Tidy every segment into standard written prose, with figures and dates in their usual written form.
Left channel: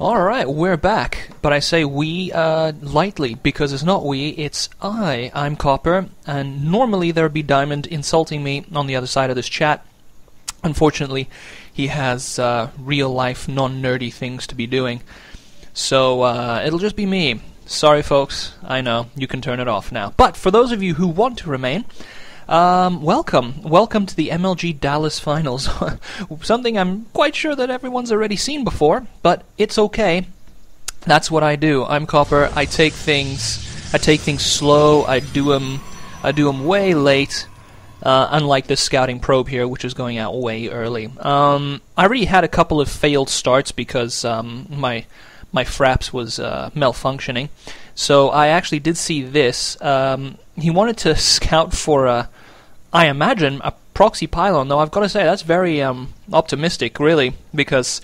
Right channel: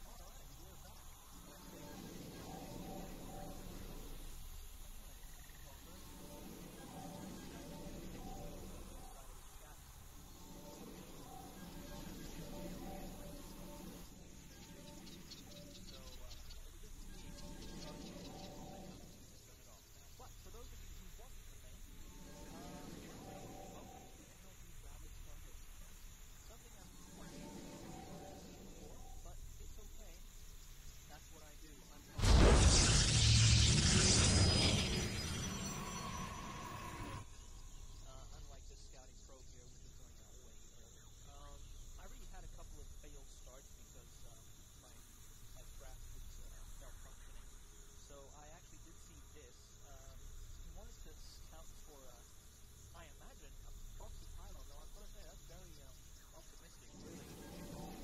Alright, we're back. But I say we lightly, because it's not we, it's I. I'm Copper, and normally there'd be Diamond insulting me on the other side of this chat. Unfortunately, he has real-life, non-nerdy things to be doing. So, it'll just be me. Sorry, folks. I know. You can turn it off now. But for those of you who want to remain, welcome. Welcome to the MLG Dallas Finals. Something I'm quite sure that everyone's already seen before, but it's okay. That's what I do. I'm Copper. I take things slow. I do them way late. Unlike this scouting probe here, which is going out way early. I already had a couple of failed starts because my fraps was malfunctioning. So I actually did see this. He wanted to scout for I imagine a proxy pylon, though I've got to say that's very optimistic, really, because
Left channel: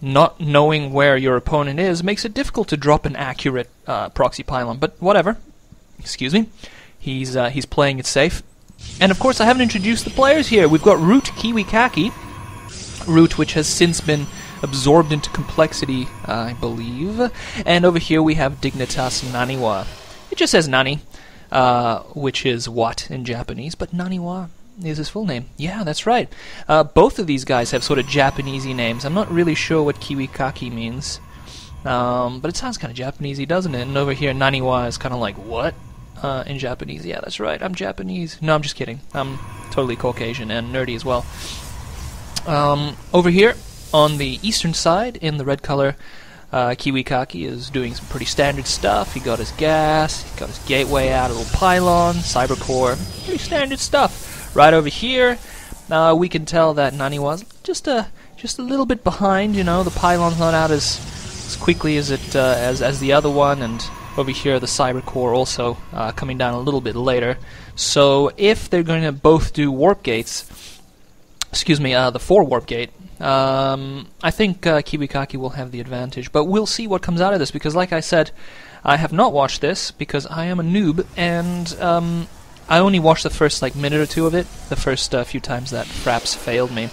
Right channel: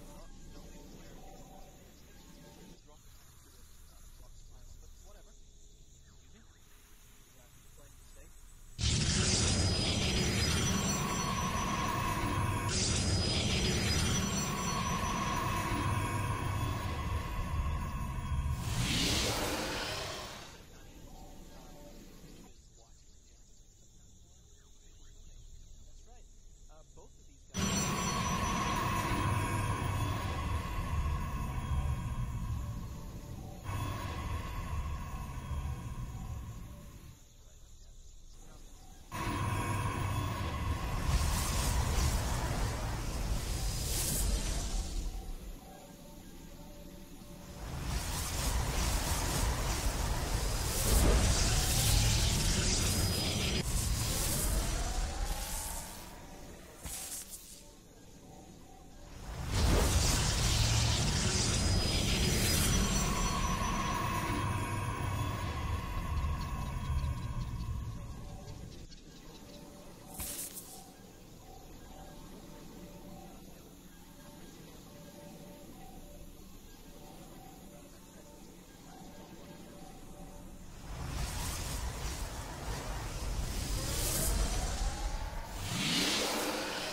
not knowing where your opponent is makes it difficult to drop an accurate proxy pylon. But whatever. Excuse me. He's playing it safe. And of course, I haven't introduced the players here. We've got Root Kiwikaki. Root, which has since been absorbed into complexity, I believe. And over here we have Dignitas Naniwa. It just says Nani, which is what in Japanese, but Naniwa is his full name. Yeah, that's right. Both of these guys have sort of Japanesey names. I'm not really sure what Kiwikaki means, but it sounds kind of Japanesey, doesn't it? And over here, Naniwa is kind of like, what? In Japanese. Yeah, that's right. I'm Japanese. No, I'm just kidding. I'm totally Caucasian and nerdy as well. Over here, on the eastern side, in the red color, Kiwikaki is doing some pretty standard stuff. He got his gas, he got his gateway out, a little pylon, cyber core, pretty standard stuff. Right over here, we can tell that Naniwa's just a little bit behind. You know, the pylon's not out as quickly as it as the other one, and over here the cyber core also coming down a little bit later. So if they're going to both do warp gates, excuse me, the 4 warp gate, I think Kiwikaki will have the advantage, but we'll see what comes out of this, because like I said, I have not watched this because I am a noob, and I only watched the first minute or two of it, the first few times that fraps failed me.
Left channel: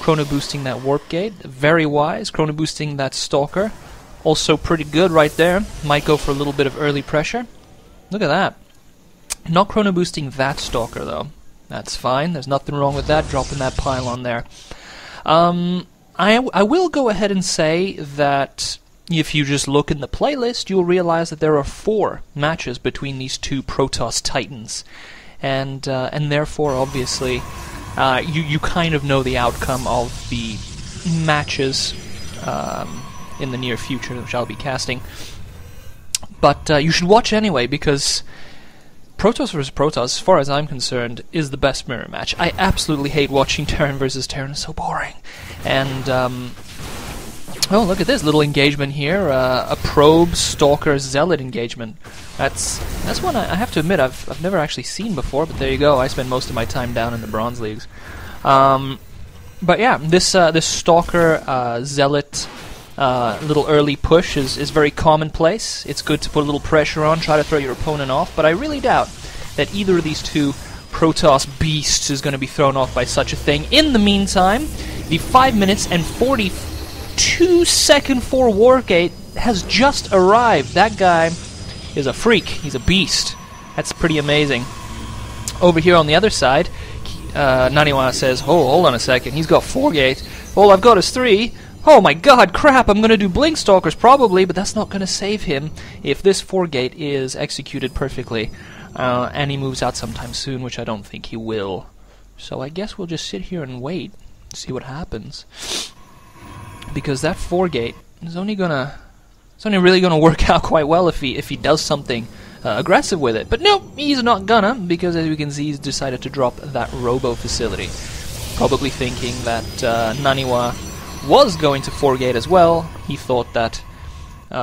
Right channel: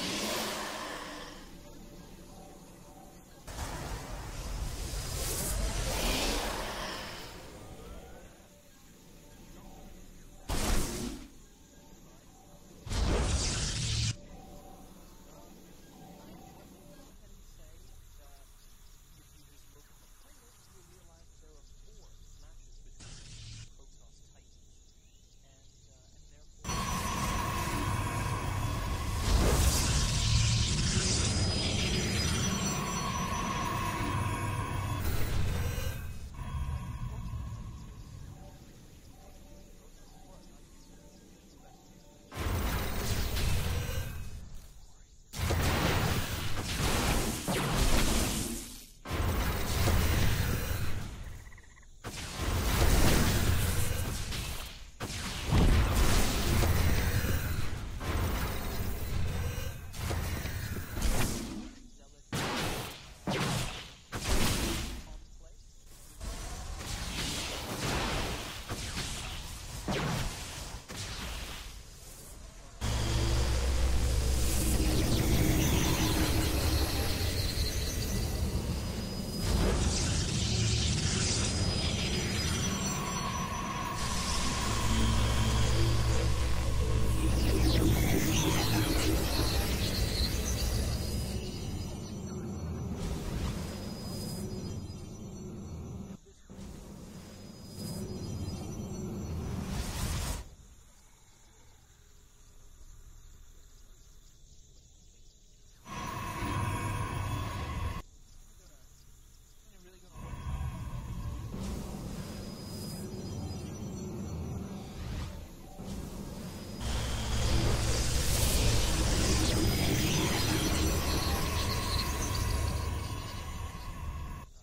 Chrono boosting that warp gate, very wise. Chrono boosting that stalker, also pretty good right there. Might go for a little bit of early pressure. Look at that. Not chrono boosting that stalker though. That's fine, there's nothing wrong with that, dropping that pylon there. I will go ahead and say that if you just look in the playlist, you'll realize that there are 4 matches between these two Protoss Titans, and therefore, obviously, you kind of know the outcome of the matches in the near future, which I'll be casting. But you should watch anyway, because Protoss vs. Protoss, as far as I'm concerned, is the best mirror match. I absolutely hate watching Terran vs. Terran. It's so boring. And, oh, look at this little engagement here. A probe, stalker, zealot engagement. That's one I have to admit I've never actually seen before, but there you go. I spend most of my time down in the bronze leagues. But yeah, this stalker, zealot, little early push is very commonplace. It's good to put a little pressure on, try to throw your opponent off, but I really doubt that either of these two Protoss beasts is going to be thrown off by such a thing. In the meantime, the 5 minutes and 42 second 4 Wargate has just arrived. That guy is a freak. He's a beast. That's pretty amazing. Over here on the other side, Naniwa says, oh, hold on a second, he's got 4 gate. All I've got is 3. Oh my god, crap, I'm going to do Blink Stalkers probably, but that's not going to save him if this 4 gate is executed perfectly. And he moves out sometime soon, which I don't think he will. So I guess we'll just sit here and wait, see what happens. Because that 4 gate is only really gonna work out quite well if he does something aggressive with it. But no, he's not gonna, because as you can see, he's decided to drop that Robo facility. Probably thinking that Naniwa was going to 4 gate as well. He thought that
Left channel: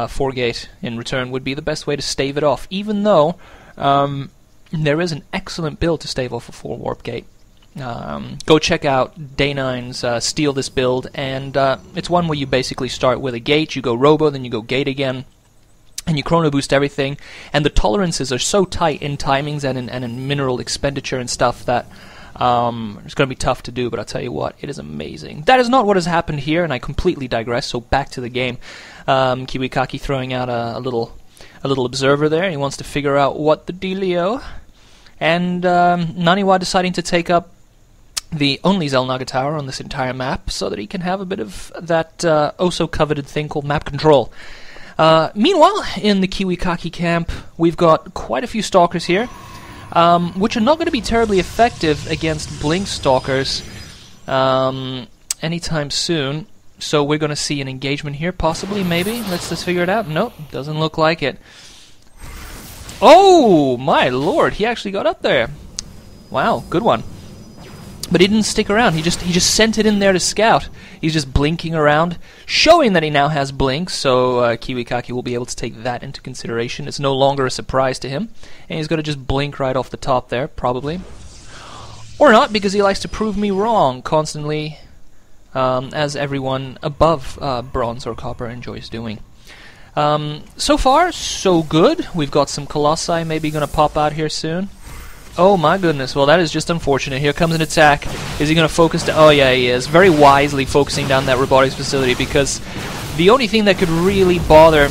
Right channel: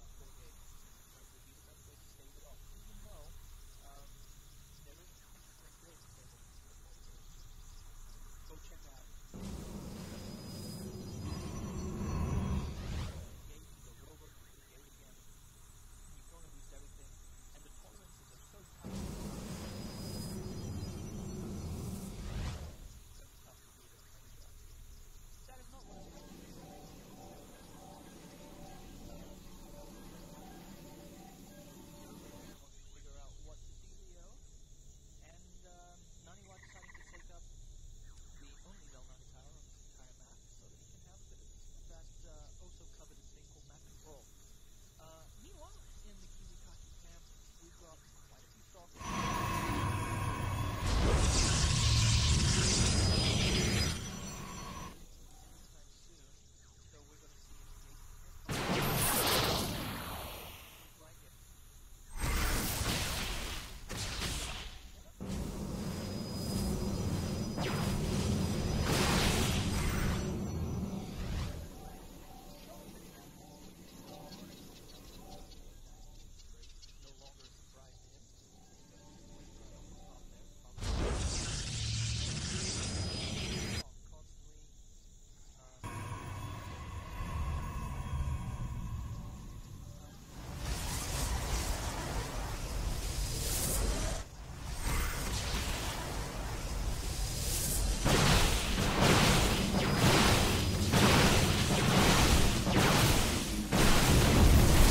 4 gate in return would be the best way to stave it off, even though there is an excellent build to stave off a 4 warp gate. Go check out Day9's Steal This build, and it's one where you basically start with a gate, you go Robo, then you go gate again, and you chrono boost everything, and the tolerances are so tight in timings and in mineral expenditure and stuff that It's going to be tough to do, but I'll tell you what, it is amazing. That is not what has happened here, and I completely digress, so back to the game. Kiwikaki throwing out a little observer there. He wants to figure out what the dealio. And Naniwa deciding to take up the only Xel'Naga tower on this entire map so that he can have a bit of that oh-so-coveted thing called map control. Meanwhile, in the Kiwikaki camp, we've got quite a few stalkers here, which are not going to be terribly effective against blink stalkers anytime soon. So we're going to see an engagement here, possibly, maybe. Let's figure it out. Nope, doesn't look like it. Oh, my lord, he actually got up there. Wow, good one. But he didn't stick around. He just sent it in there to scout. He's just blinking around, showing that he now has blink, so Kiwikaki will be able to take that into consideration. It's no longer a surprise to him, and he's going to just blink right off the top there, probably. Or not, because he likes to prove me wrong constantly, as everyone above bronze or copper enjoys doing. So far, so good. We've got some Colossi maybe going to pop out here soon. Oh my goodness, well that is just unfortunate. Here comes an attack. Is he going to focus down? Oh yeah, he is. Very wisely focusing down that robotics facility, because the only thing that could really bother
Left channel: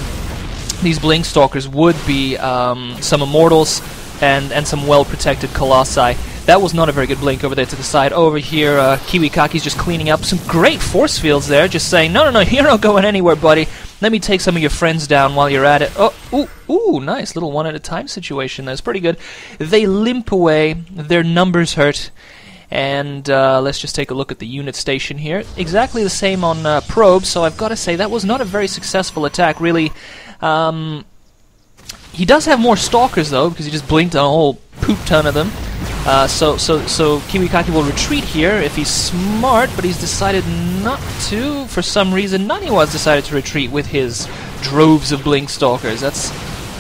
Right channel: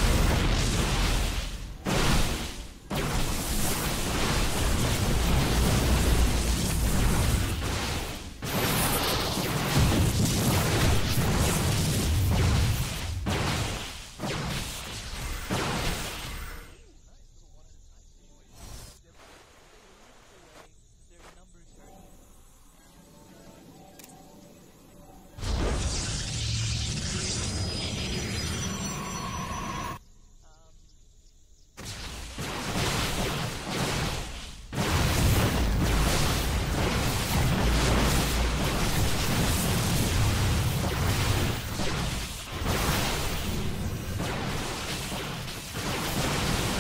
these blink stalkers would be some immortals and some well-protected Colossi. That was not a very good blink over there to the side. Over here, Kiwikaki's just cleaning up some great force fields there, just saying, no, you're not going anywhere, buddy. Let me take some of your friends down while you're at it. Oh, ooh, nice little one-at-a-time situation. That's pretty good. They limp away. Their numbers hurt. And let's just take a look at the unit station here. Exactly the same on probes, so I've got to say that was not a very successful attack, really. He does have more stalkers, though, because he just blinked on a whole poop ton of them. So Kiwikaki will retreat here if he's smart, but he's decided not to. For some reason, Naniwa's decided to retreat with his droves of blink stalkers. That's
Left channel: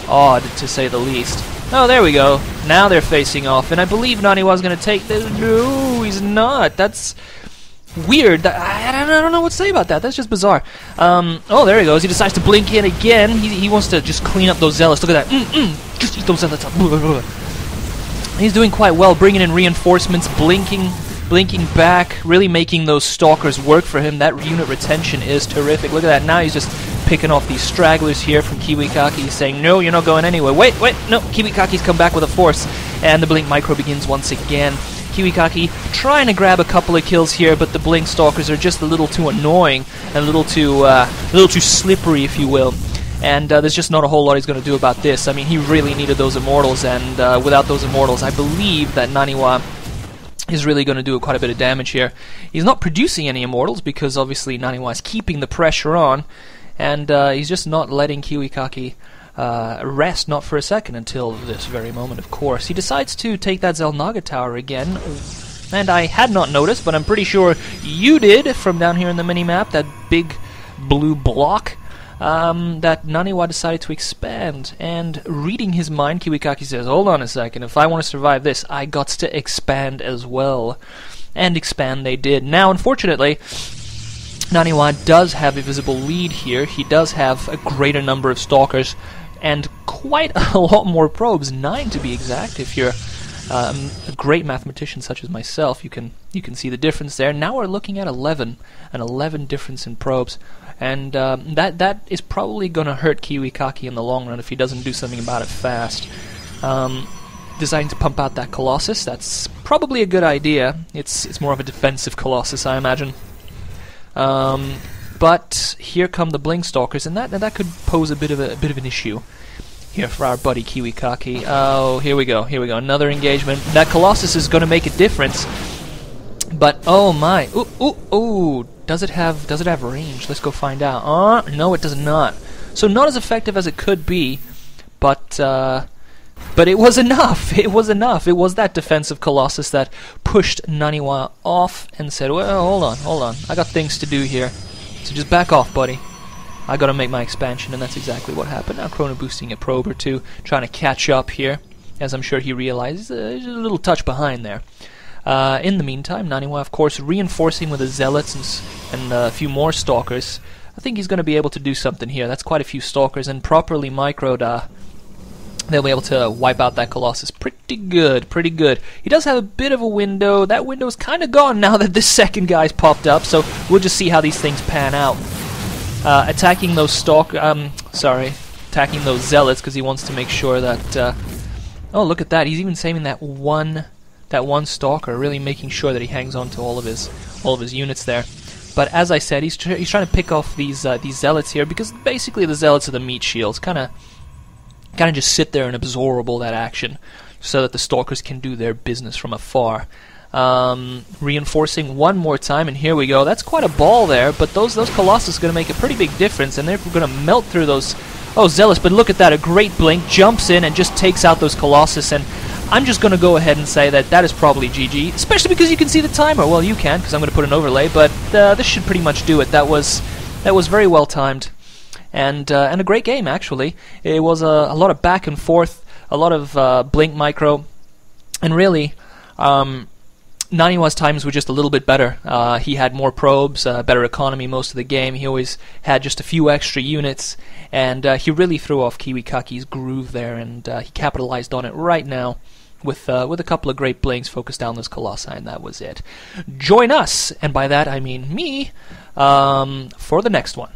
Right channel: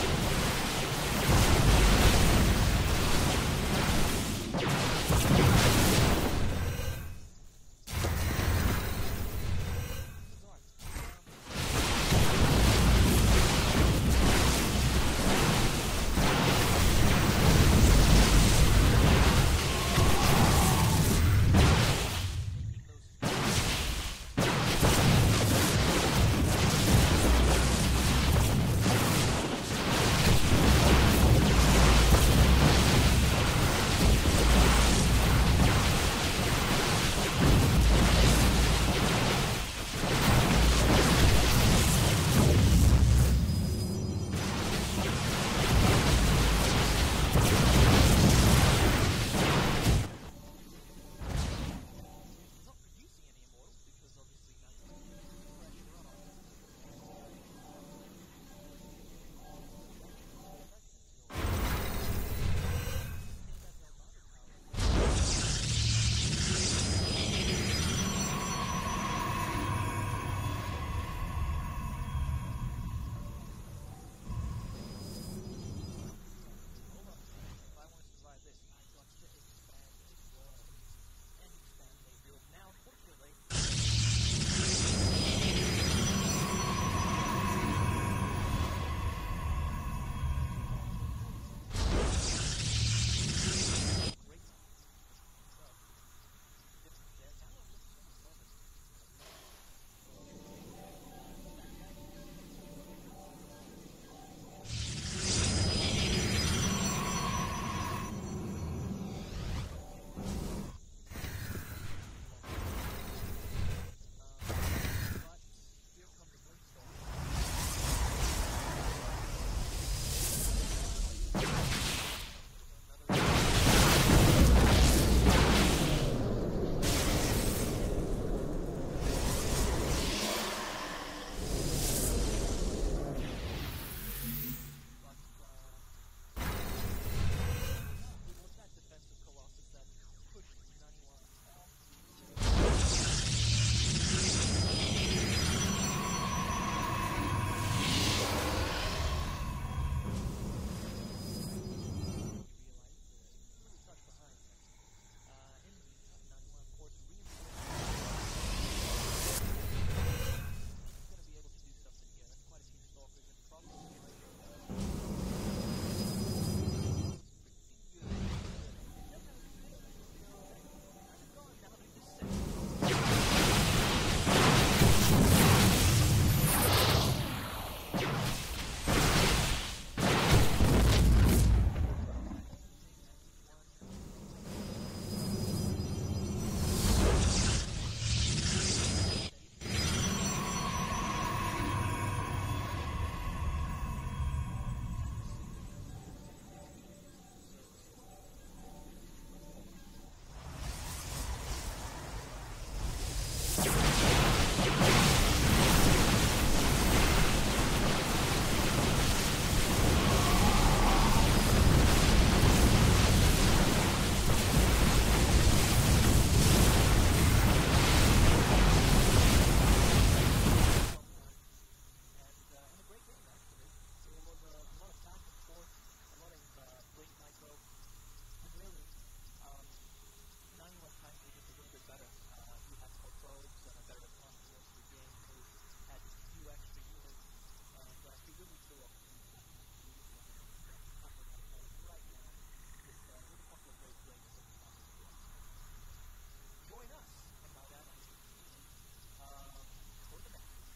odd, to say the least. Oh, there we go. Now they're facing off, and I believe Naniwa's going to take this. No, he's not. That's weird. I don't know what to say about that. That's just bizarre. Oh, there he goes. He decides to blink in again. He wants to just clean up those zealots. Look at that. Just those zealots. He's doing quite well, bringing in reinforcements, blinking back, really making those stalkers work for him. That unit retention is terrific. Look at that. Now he's just picking off these stragglers here from Kiwikaki. He's saying, no, you're not going anywhere. Wait, no. Kiwikaki's come back with a force, and the blink micro begins once again. Kiwikaki trying to grab a couple of kills here, but the blink stalkers are just a little too annoying, a little too slippery, if you will. And there's just not a whole lot he's going to do about this. I mean, he really needed those immortals, and without those immortals, I believe that Naniwa is really going to do quite a bit of damage here. He's not producing any immortals, because obviously Naniwa is keeping the pressure on, and he's just not letting Kiwikaki rest, not for a second, until this very moment, of course. He decides to take that Xel'Naga tower again, and I had not noticed, but I'm pretty sure you did from down here in the mini-map, that big blue block. That Naniwa decided to expand, and reading his mind, Kiwikaki says, hold on a second, if I want to survive this, I got to expand as well. And expand they did. Now, unfortunately, Naniwa does have a visible lead here. He does have a greater number of stalkers, and quite a lot more probes, 9 to be exact. If you're a great mathematician such as myself, you can see the difference there. Now we're looking at 11, an 11 difference in probes. And that is probably going to hurt Kiwikaki in the long run if he doesn't do something about it fast. Deciding to pump out that Colossus, that's probably a good idea. It's more of a defensive Colossus, I imagine. But here come the blink stalkers, and that could pose a bit of an issue here for our buddy Kiwikaki. Oh, here we go, another engagement. That Colossus is going to make a difference. But oh my, ooh. Does it have range? Let's go find out. No, it does not. So not as effective as it could be, but it was enough. It was enough. It was that defensive Colossus that pushed Naniwa off and said, well, hold on. I got things to do here. So just back off, buddy. I gotta make my expansion, and that's exactly what happened. Now Chrono boosting a probe or two, trying to catch up here, as I'm sure he realizes there's a little touch behind there. In the meantime, Naniwa, of course, reinforcing with the zealots and a few more stalkers. I think he's going to be able to do something here. That's quite a few stalkers, and properly microed they'll be able to wipe out that Colossus pretty good, pretty good. He does have a bit of a window. That window's kind of gone now that this second guy's popped up, so we'll just see how these things pan out. Attacking those attacking those zealots, because he wants to make sure that, oh, look at that, he's even saving that one stalker, really making sure that he hangs on to all of his units there. But as I said, he's trying to pick off these zealots here, because basically the zealots are the meat shields, kind of just sit there and absorb all that action, so that the stalkers can do their business from afar. Reinforcing one more time, and here we go. That's quite a ball there, but those Colossus are going to make a pretty big difference, and they're going to melt through those. Oh, Zealous! But look at that, a great blink, jumps in and just takes out those Colossus, and I'm just going to go ahead and say that is probably GG, especially because you can see the timer. Well, you can't, because I'm going to put an overlay, but this should pretty much do it. That was very well timed, and a great game, actually. It was a lot of back and forth, a lot of blink micro, and really, Naniwa's times were just a little bit better. He had more probes, better economy most of the game. He always had just a few extra units, and he really threw off Kiwikaki's groove there, and he capitalized on it right now with a couple of great blinks focused down those Colossi, and that was it. Join us, and by that I mean me, for the next one.